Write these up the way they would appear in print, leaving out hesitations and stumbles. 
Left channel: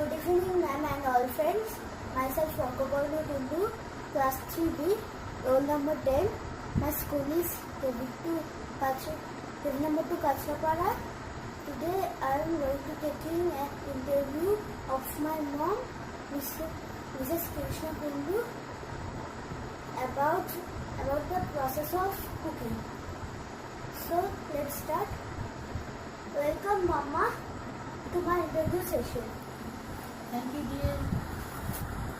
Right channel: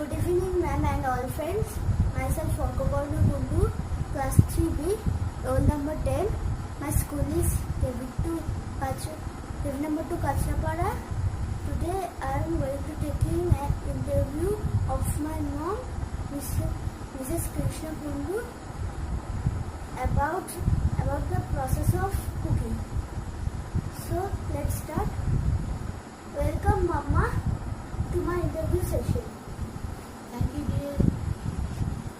Good evening, ma'am and all friends. Myself ARKAPARNO kundu, class 3B, roll number 10. My school is Kevin number 2 Kachapara. Today I am going to taking an interview of my mom, Mrs. Krishna Kundu, about the process of cooking. So let's start. Welcome, Mama, to my interview session. Thank you, dear.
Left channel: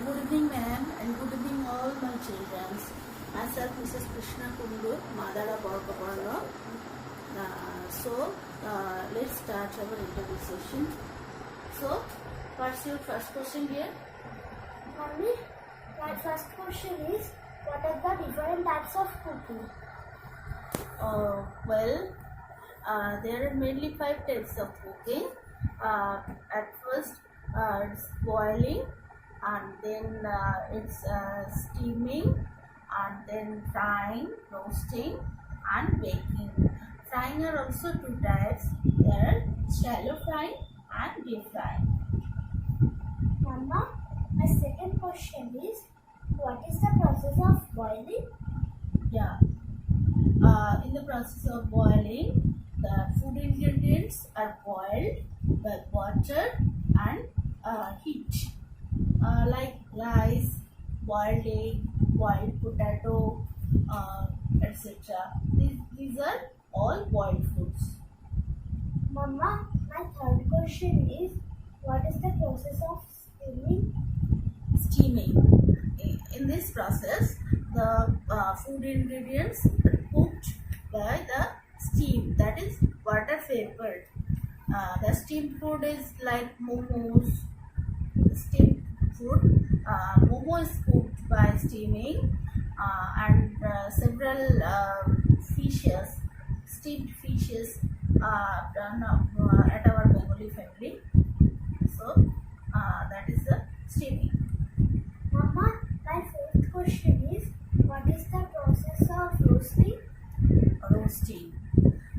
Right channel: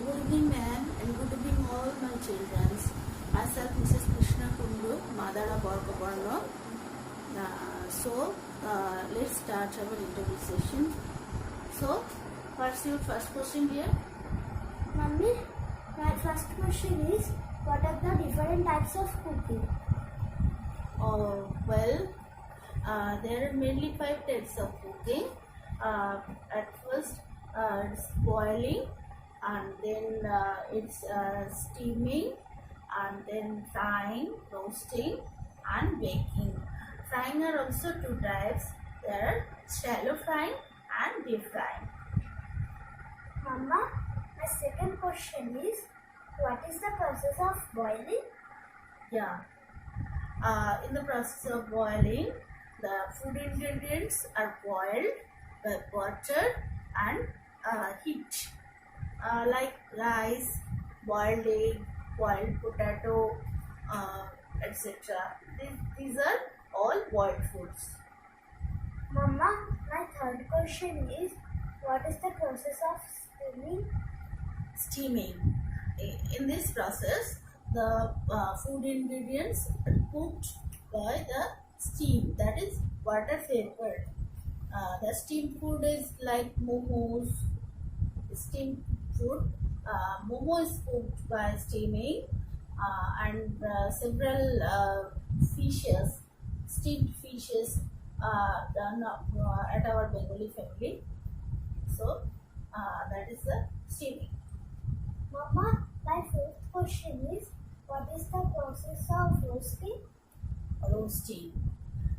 Good evening, ma'am, and good evening, all my children. Myself, Mrs. Krishna Kundu, mother of ARKAPARNO. Let's start our interview session. So, what's your first question, dear? Mummy, my first question is, what are the different types of cooking? There are mainly 5 types of cooking. At first, it's boiling, and then it's steaming, and then frying, roasting, and baking. Frying are also 2 types. There are shallow frying and deep frying. Mama, my second question is, what is the process of boiling? Yeah. In the process of boiling, the food ingredients are boiled by water and heat, like rice, boiled egg, boiled potato, etc. These are all boiled foods. Mama, my third question is, what is the process of steaming? Steaming. In this process, the food ingredients are cooked by the steam, that is water vapor. The steamed food is like momos. Steamed food, momo is cooked by steaming, and several fishes, steamed fishes, done at our Bengali family. So that is the steaming. Mama, my fourth question is, what is the process of roasting? Roasting.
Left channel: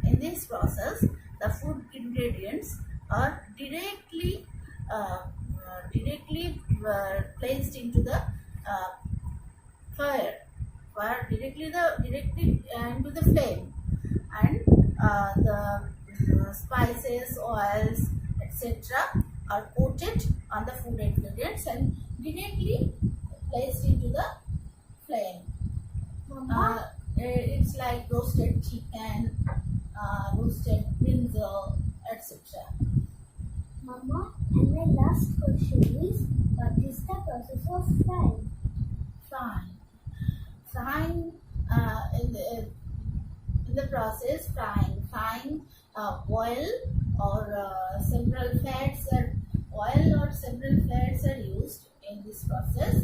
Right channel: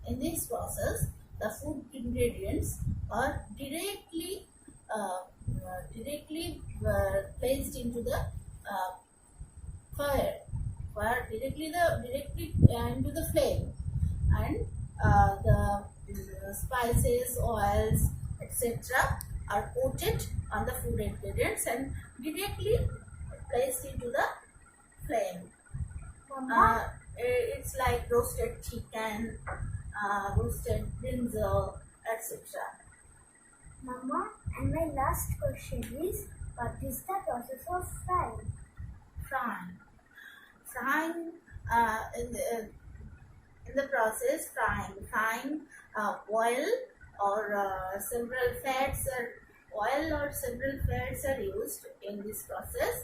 In this process, the food ingredients are directly placed into the fire, directly into the flame, and the spices, oils, etc. are coated on the food ingredients and directly placed into the flame. Mama, It's like roasted chicken, roasted brinjal, etc. Mama, and my last question is, what is the process of frying? Frying, in the process, frying oil or several fats are used in this process.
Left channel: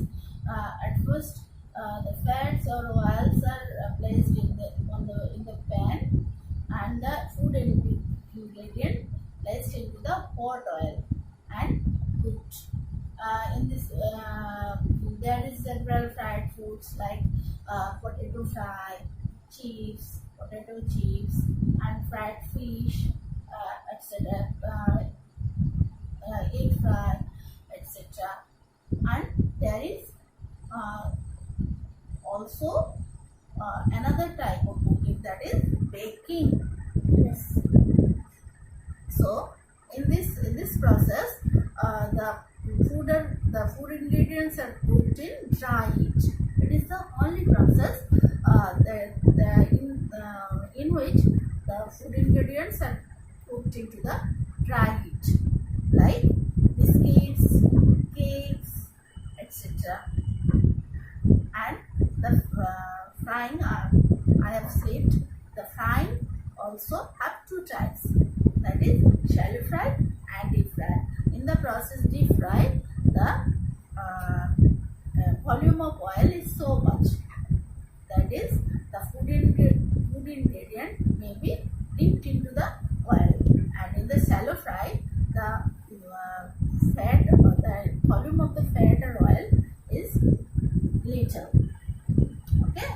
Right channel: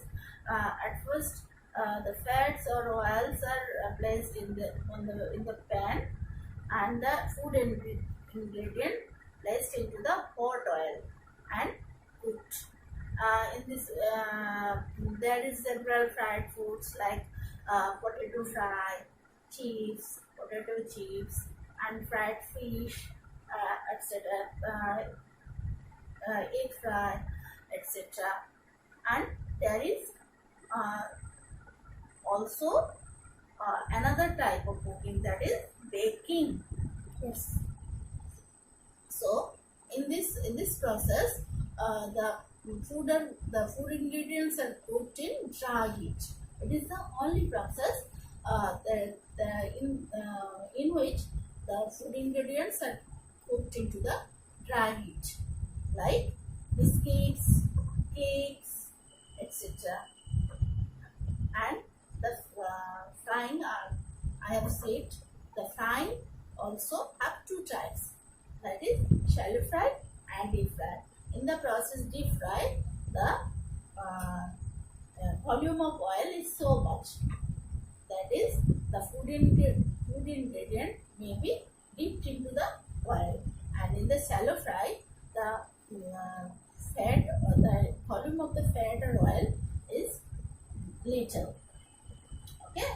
At first, the fats or oils are placed in the pan, and the food ingredient placed into the hot oil and cooked. In this, there is several fried foods like potato fry, potato chips, and fried fish, etc. Egg fry, etc. And there is also another type of cooking, that is baking. Yes. So in this process, the food ingredients are cooked in dry heat. It is the only process in which the food ingredients are cooked into the dry heat, like biscuits, cakes, etc. And the frying, I have said, the frying also have 2 types, that is shallow fry and deep fry. In the process deep fry, the volume of oil is so much, that is the food ingredient may be dipped into the oil, and in the shallow fry, the fat or the volume of the fat or oil is little. Okay,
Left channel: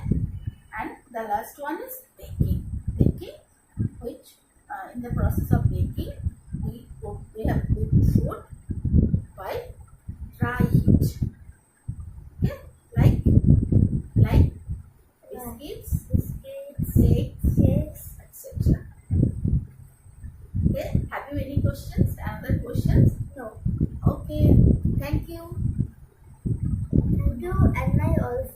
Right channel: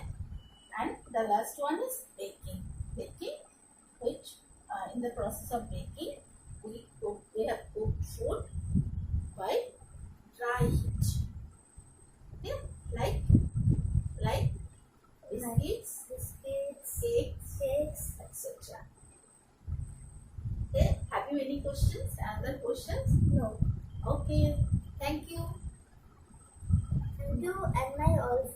and the last one is baking, which in the process of baking we have cooked food by biscuits, biscuits, cakes, cakes. etc. Okay, have you any questions? Another questions? No. Okay, thank you. Thank you, and I also